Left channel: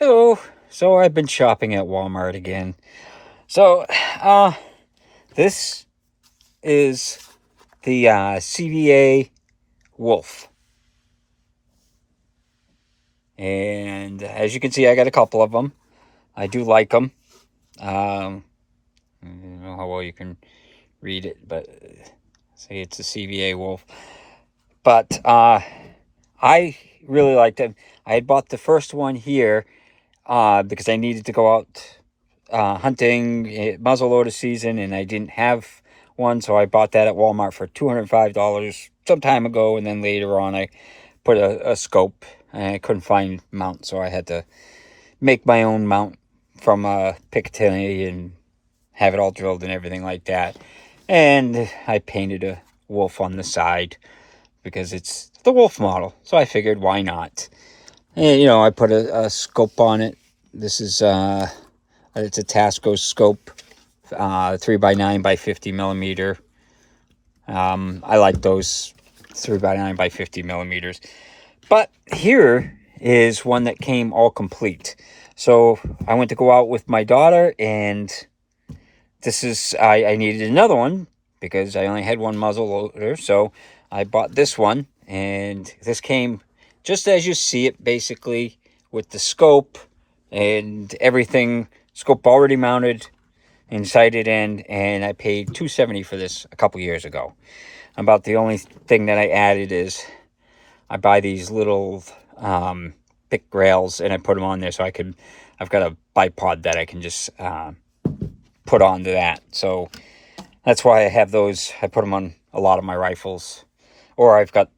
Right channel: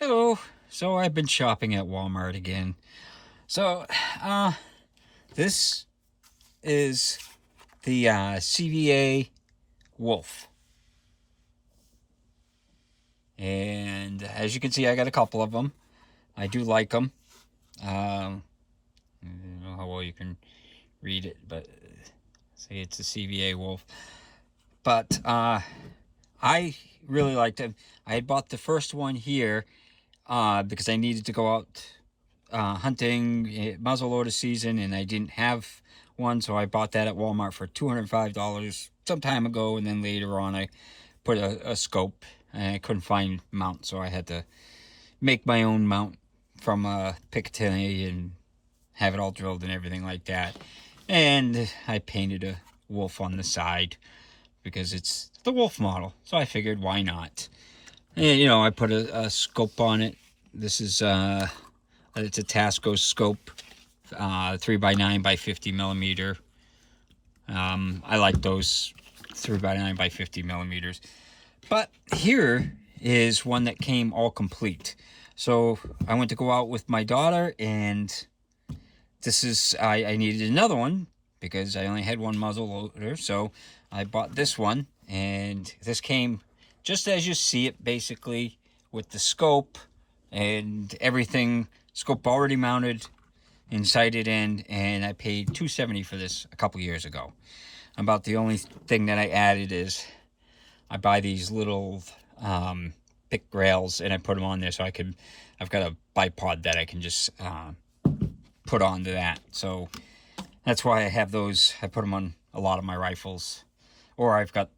Hello. So I've been shopping at Walmart again. So, this is the CVA Wolf. And as you can see, I got a couple of them. I do like them. I don't know how well you can read it, but say it's a CVA Wolf. But I really liked them. I had bought the first one here because I needed to go out hunting muzzleloader season, and I didn't have one, so I bought that at Walmart for $205 some time ago. And then later on, I put a scope, and I couldn't find mount, so I had to make my own mount from Picatinny and have it all drilled and everything like that. And I painted a wolf on the side because it's the wolf model, so I figured why not. And I put a scope on it. This is it's a Tasco Scope, 3x9 by 50 millimeter. I like those 3x9 by 50 millimeters. But here is one that came all complete. So I went to go out with my daughter, and this is, I needed another one because I only had one muzzle loader. So I bought this one, and this came just as you see it, basically, with the scope and everything. Scope already mounted and sighted in, and I paid $270 for this a couple years ago. About the only thing that I added is I buy these little pick rails, and I put them on there so I've got a bipod that I can just put onto that. So that's why I have those. I put them on a lot of my rifles, or I've got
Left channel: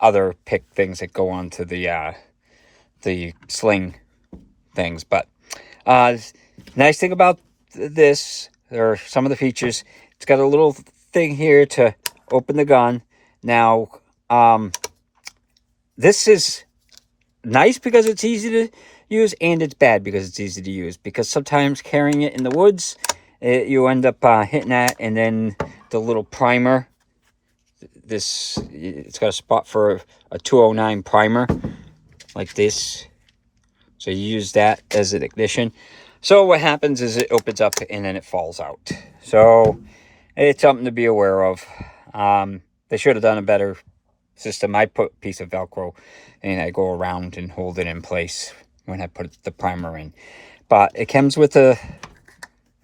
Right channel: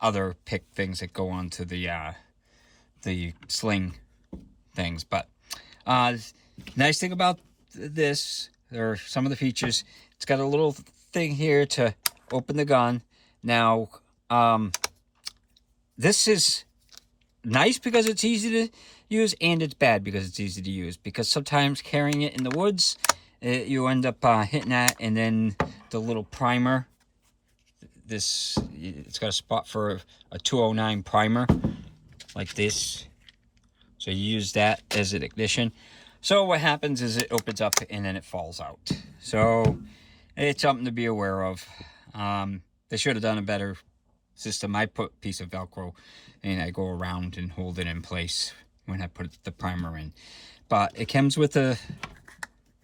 other pick things that go onto the sling things. But nice thing about this, there are some of the features. It's got a little thing here to open the gun. Now, this is nice because it's easy to use, and it's bad because it's easy to use. Because sometimes carrying it in the woods, you end up hitting that, and then the little primer, it's got a spot for a 209 primer, like this. So you use that as an ignition. So what happens is it opens up and then it falls out. So it's something to be aware of. They should have done a better system. I put a piece of Velcro and I go around and hold it in place when I put the primer in. But it comes with a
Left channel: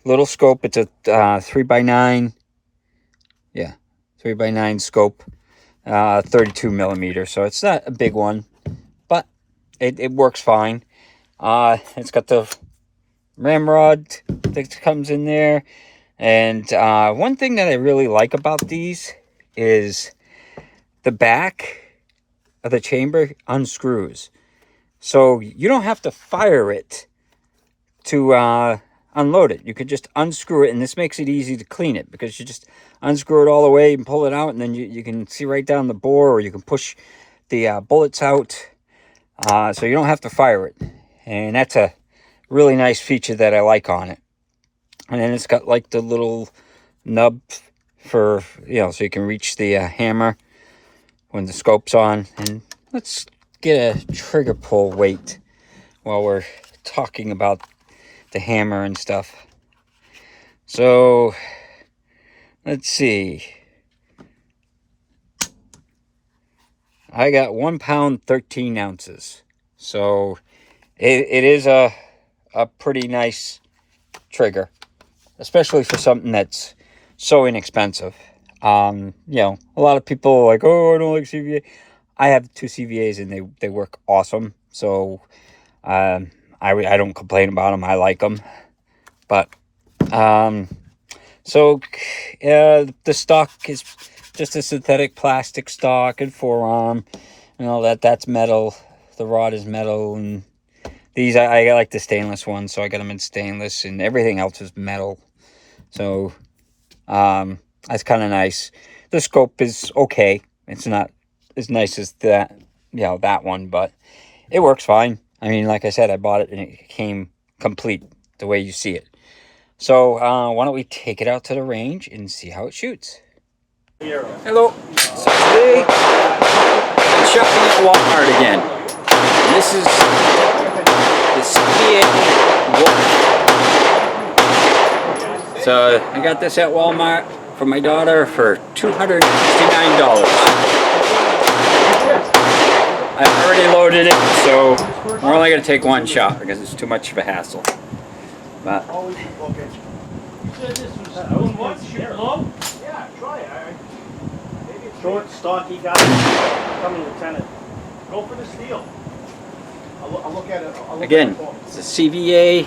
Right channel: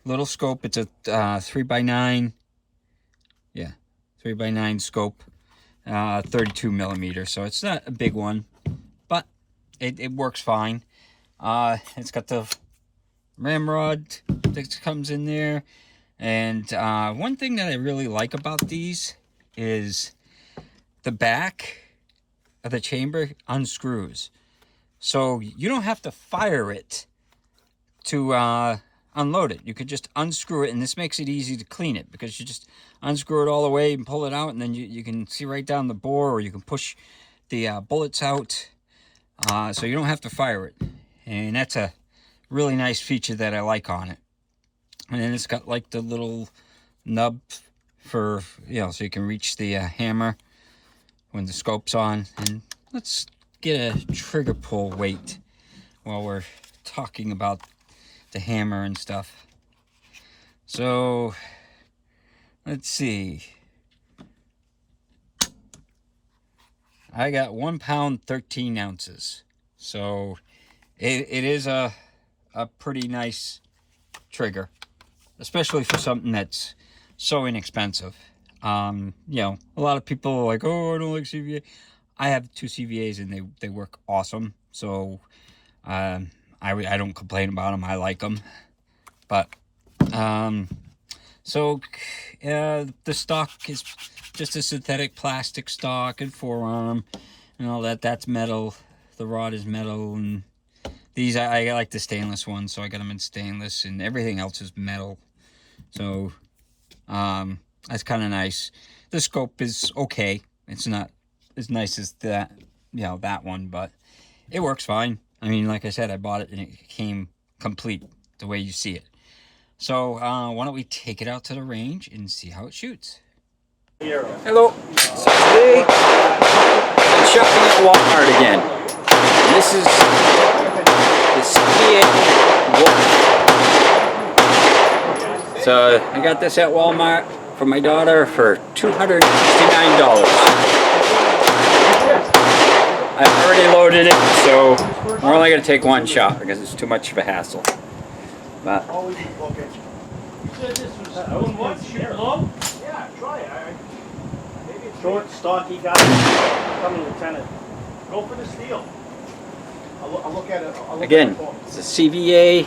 little scope. It's a 3x9. Yeah, 3x9 scope. 32 millimeter. So it's not a big one, but it works fine. It's got the ramrod that comes in there. And one thing that I really like about these is the back of the chamber unscrews. So you don't have to fire it to unload it. You could just unscrew it, and this makes it easy to clean it because you just unscrew it all the way and pull it out, and then you can see right down the bore, or you can push the bullets out. So you don't have to fire it. And that's a really nice feature that I like on it. And then it's got like the little nub for, so you can reach the hammer when the scope's on. And let's get a trigger pull weight while we're talking about the hammer and stuff. So let's see. I got 1 pound 13 ounces. So it is a pretty nice trigger, especially for something that's so inexpensive. A lot of people are like, oh, I don't like CVA. I have 2 CVAs and they work awesome. So I don't complain about them. I like them. But so the stock is just a synthetic plastic stock and forearm, that's metal. The rod is metal, and these I like the stainless ones, so I got them in stainless, and everything else is metal. So that's kind of nice. The scope is okay. It's not as nice as that one, but it works fine. I mean, like I said, I bought it and it came complete the way you see it. So why don't we take it out to the range and see how it shoots. Hello. So today I'm shopping at Walmart again. This is the CVA Wolf. So I got this at Walmart for my daughter for $269. I've already loaded it, so we're only going to take one shot because it's too much of a hassle. But yeah, try it. Maybe it's short, stocky guy coming lieutenant. Go for the steel. I'll look at it. again, it's a CVA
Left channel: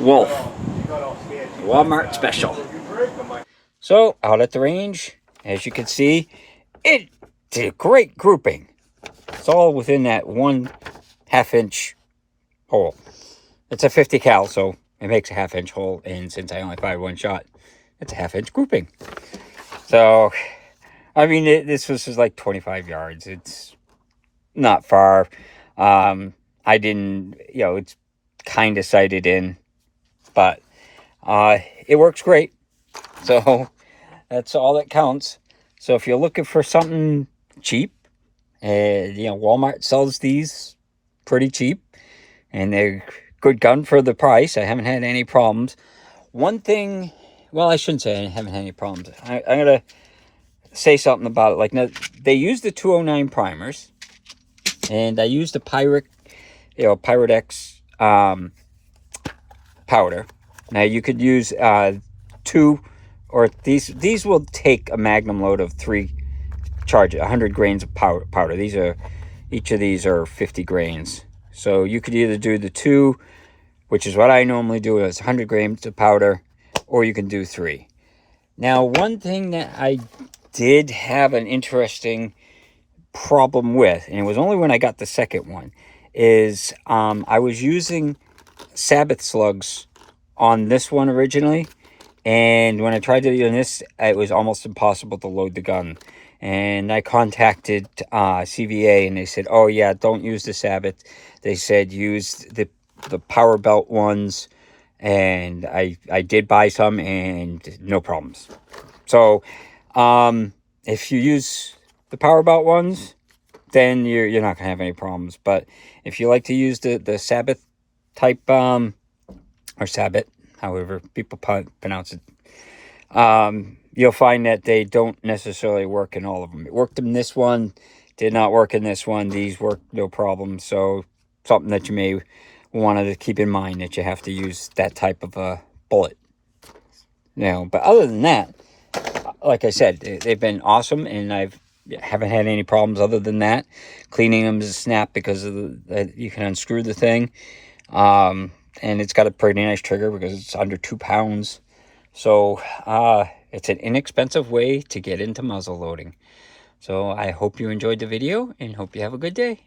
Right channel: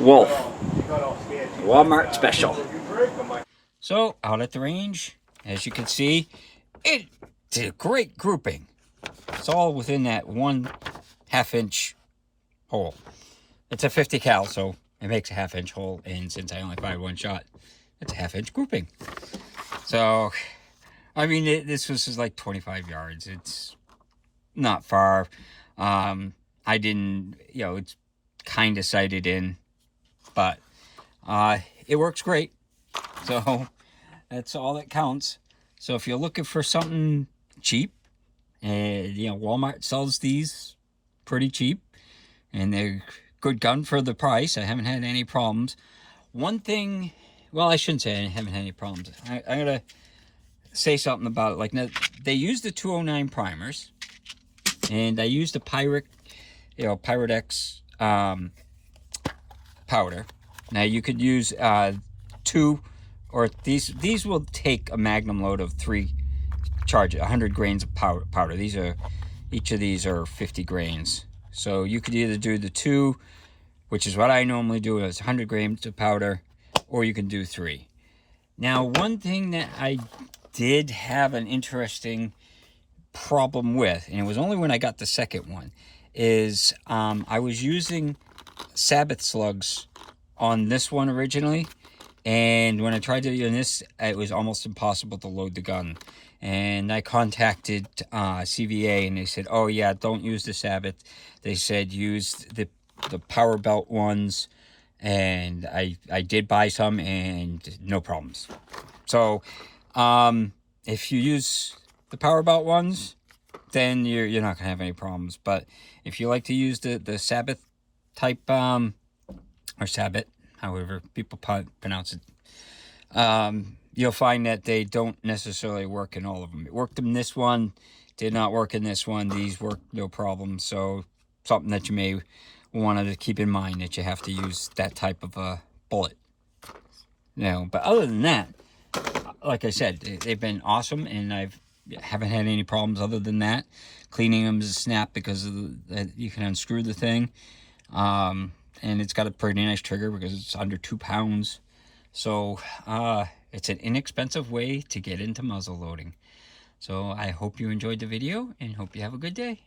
Wolf. Walmart special. So out at the range, as you can see, it's a great grouping. It's all within that 1/2 inch hole. It's a 50 cal, so it makes a 1/2 inch hole, and since I only fired one shot, it's a 1/2 inch grouping. So, I mean, this was just like 25 yards. It's not far. I didn't, it's kind of sighted in, but it works great. So that's all that counts. So if you're looking for something cheap, Walmart sells these pretty cheap, and they're good gun for the price. I haven't had any problems. One thing, well, I shouldn't say I haven't had any problems. I'm gonna say something about it. Like, now, they use the 209 primers, and I used the Pirate X powder. Now you could use 2, or these will take a magnum load of 3 charge, 100 grains of powder. Each of these are 50 grains. So you could either do the 2, which is what I normally do, is 100 grams of powder, or you can do 3. Now, one thing that I did have an interesting problem with, and it was only when I got the second one, is I was using Sabbath slugs on this one originally, and when I tried to do this, it was almost impossible to load the gun. And I contacted CVA, and they said, oh yeah, don't use the Sabbath. They said use the power belt ones, and I did buy some, and no problems. So if you use the power belt ones, then you're not gonna have any problems. But if you like to use the Sabbath type, or Sabbath, however people pronounce it, you'll find that they don't necessarily work in all of them. It worked in this one, did not work in this one. These work no problem. So something that you may want to keep in mind, that you have to use that type of a bullet. But other than that, like I said, they've been awesome, and I haven't had any problems other than that. Cleaning them is a snap because of you can unscrew the thing. And it's got a pretty nice trigger because it's under 2 pounds. So it's an inexpensive way to get into muzzle loading. So I hope you enjoyed the video, and hope you have a good day.